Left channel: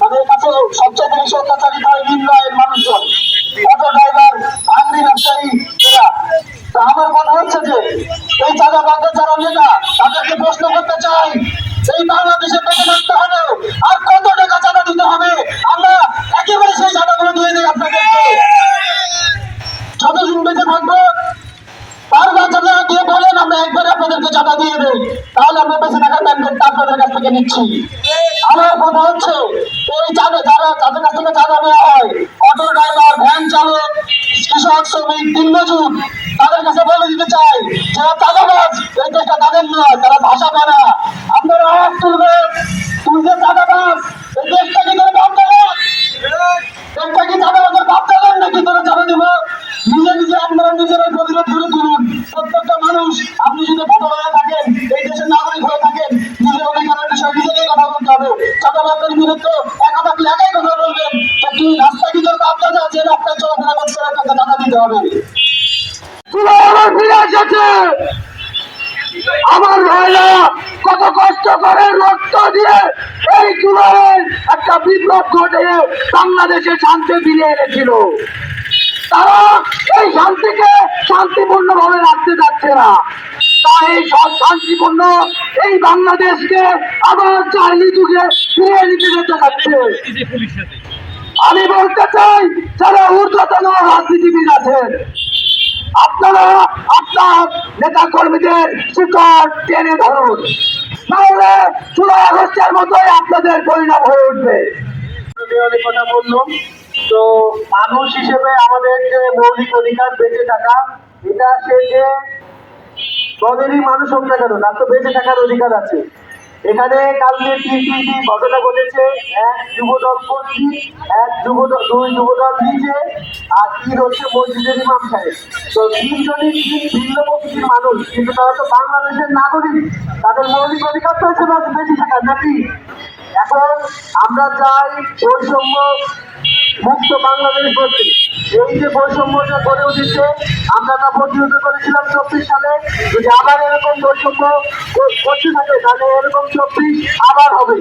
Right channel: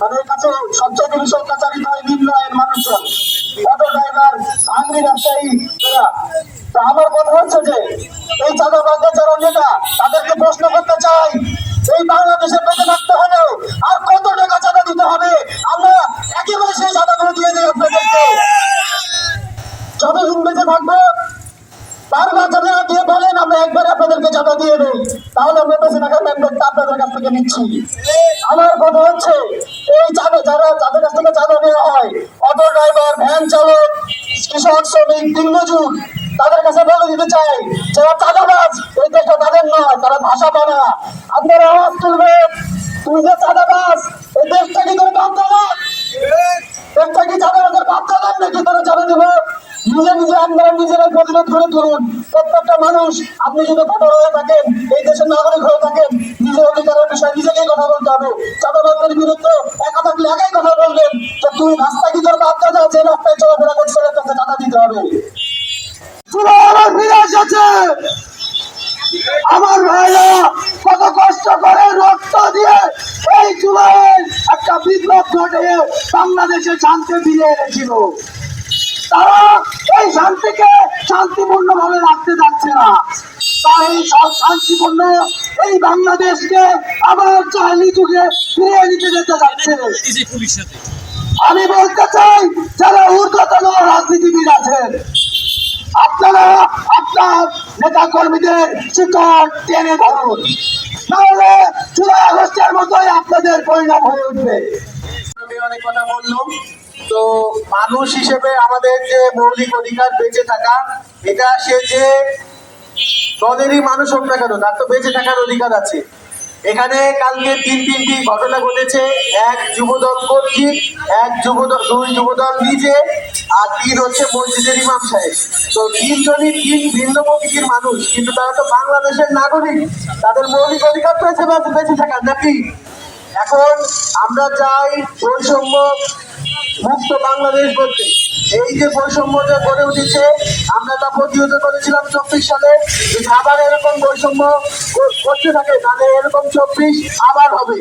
মানে কাছে সবচেয়ে বেশি অত্যাচারিত হয় নিম্ন আয়ের মানুষজন, অটো ড্রাইভার, আংরি ব্যবসায়ী এরা। তা আমার কথা হচ্ছে যে এই চাঁদাবাজদের যারা নেতা তাদেরকে প্রশ্ন করতে চাই, এই বাংলাদেশে বেঁচে থাকতে হলেও আর কত টাকা চাঁদা দিতে হবে? আমরা একেবারে সেই চাঁদাগুলো দিয়ে দিই আপনাদেরকে। যতদিন বেঁচে থাকবো বারবার চাঁদা দিয়ে বলেন আমরা একবারে আপনাদেরকে চাঁদা দিয়ে দেই, তাহলে আমরা বেঁচে থাকার ম্যান্ডেটটা আপনাদের কাছ থেকে নিচ্ছি। আমার কথা হচ্ছে এই চাঁদা যারা যাদের কাছ থেকে চাঁদা নেওয়া হয়, অটো ড্রাইভার, ভ্যান চালক, কৃষক, শ্রমিক, দিনমজুর, তাদের কাছে বলে দিতে চাই যারা চাঁদাবাজ এই দেশটা তাদের নয়, তারা ভাষা পানা। আপনারা আওয়াজ তুলবেন, তুই যে চাঁদাবাজ এই দেশটা কি তোর বাপ দাদা? দেশটা কি চাঁদাবাজের বাপ দাদার নাকি তোরা চাঁদা দিব? নিজে নিজে আপনারা নিজেরাই প্রতিরোধ করে তুলুন। প্রত্যেকটা মানুষ, আপনি যদি ভোটার হয়ে থাকেন, এই দেশের নাগরিক হয়ে থাকেন, নিজের অধিকারের বিষয়ে নিজেকেই কথা বলতে হবে। চাঁদাবাজের বিরুদ্ধে একা থাকলে একাই কথা বলবেন যে তুই রাস্তায় কি তোর বাপ দাদা যে রাস্তায় চলাফেরা করছে তাকে চাঁদা দিতে হবে। আমার ফিরে এসেছে, আমার ভাইরা কত কষ্ট করে রক্ত দিয়ে এই চুলায় একটা বিপ্লব ঘটিয়ে বাংলাদেশে শান্তি ফিরিয়ে এনেছিল। তারা এই শান্তিকে শান্তিপূর্ণ ভাবে রাখতে যাচ্ছে না, তাই এই সব শান্তিপূর্ণ এই বাংলাদেশকে আবার চাইনি যুগে ফিরিয়ে নিতে যেতে যাচ্ছে। আমি বলতে চাই যারা ঊর্ধ্বতন রাজনীতিবিদ আছেন, আপনারা আপনার নেতা কর্মীদের শিকড় টেনে ধরুন, নাহলে জুলাই আগস্টের মতোই আপনাদের পরিণাম হয়ে উঠবে। অনেক কথা বললাম, তো মানুষ হিসেবে আমাদের যে মৌলিক অধিকার বেঁচে থাকা, এটা সে যে দলেরই মানুষ হোক না কেন তার তো বেঁচে থাকার অধিকার আছে। এখানে কালকে তিনটি ঘটনা ঘটেছে, এক যুবদল কর্তৃক, দুই যুবদল নিজে, আর তিন হচ্ছে মসজিদের ইমাম সাহেব। তো তিনজনই তিন ভিন্ন প্রকৃতির মানুষ, কিন্তু তারা তো বাংলাদেশের নাগরিক, তাদের মৌলিক অধিকার তো বেঁচে থাকার নাকি। এখন আমরা চাই বৈষম্য মুক্ত বাংলাদেশ করতে। এই যে বৈষম্যটা গড়ে উঠেছে, আমরা তা প্রতিহত করেছিলাম 24 সালে। যদি আবার এরকম বৈষম্য করতে থাকে তাহলে এরকম 24 আবার হবে।